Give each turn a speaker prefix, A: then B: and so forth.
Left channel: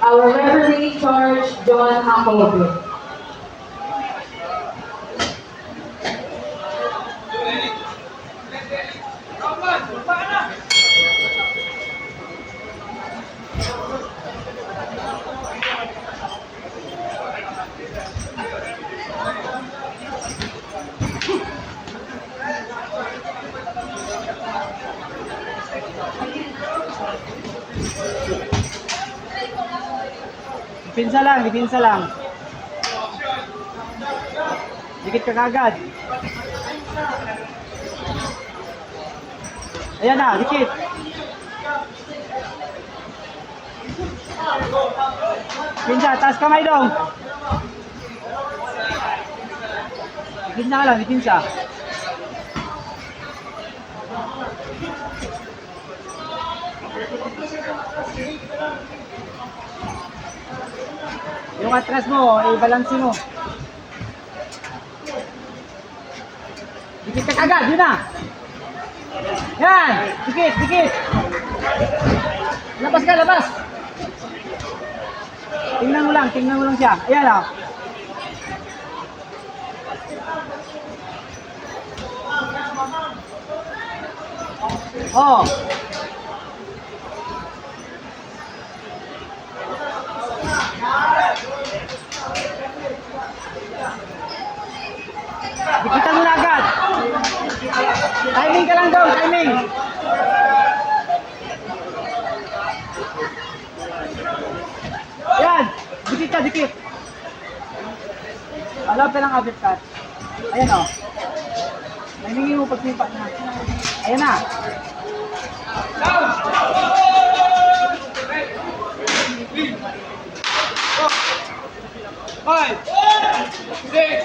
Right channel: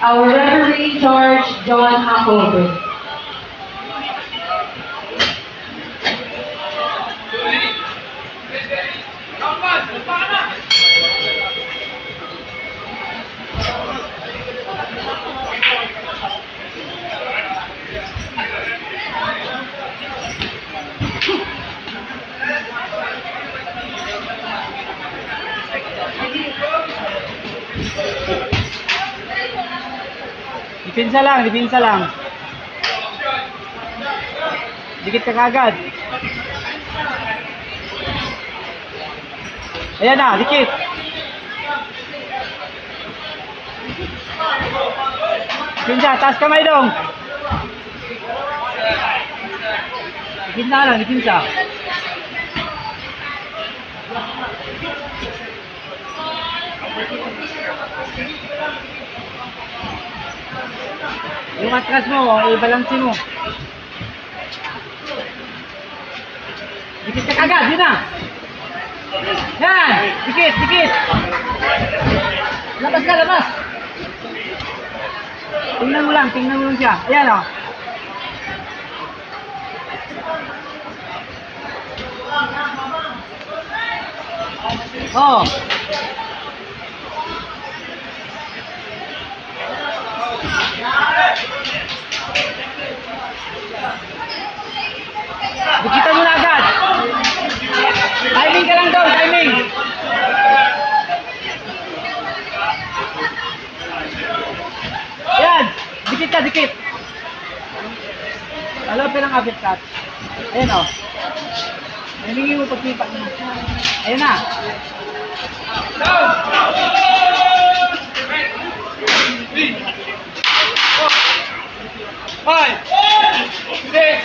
A: Our referee in charge, John Apolobo. Thank you.
B: Dipinsa lang, dipinsa lang. Dikit ka kagad. Ayan na, dikit. Pinsa, taas kamay dong. Dipinsa lang, dipinsa. Yung atras mo, i-balance mo. Dikit ka kagad, yun na. Yan, dikit, dikit. Labas ka, labas. Tingnan mo lang, tingnan mo lang siya. Ayan oh. o. Oo. Dikitan dikit ka, dikit. Alam pa lang abit cut. Ayan o. Nahingi mo pagsipa niya. Ayan na.
A: Five, six,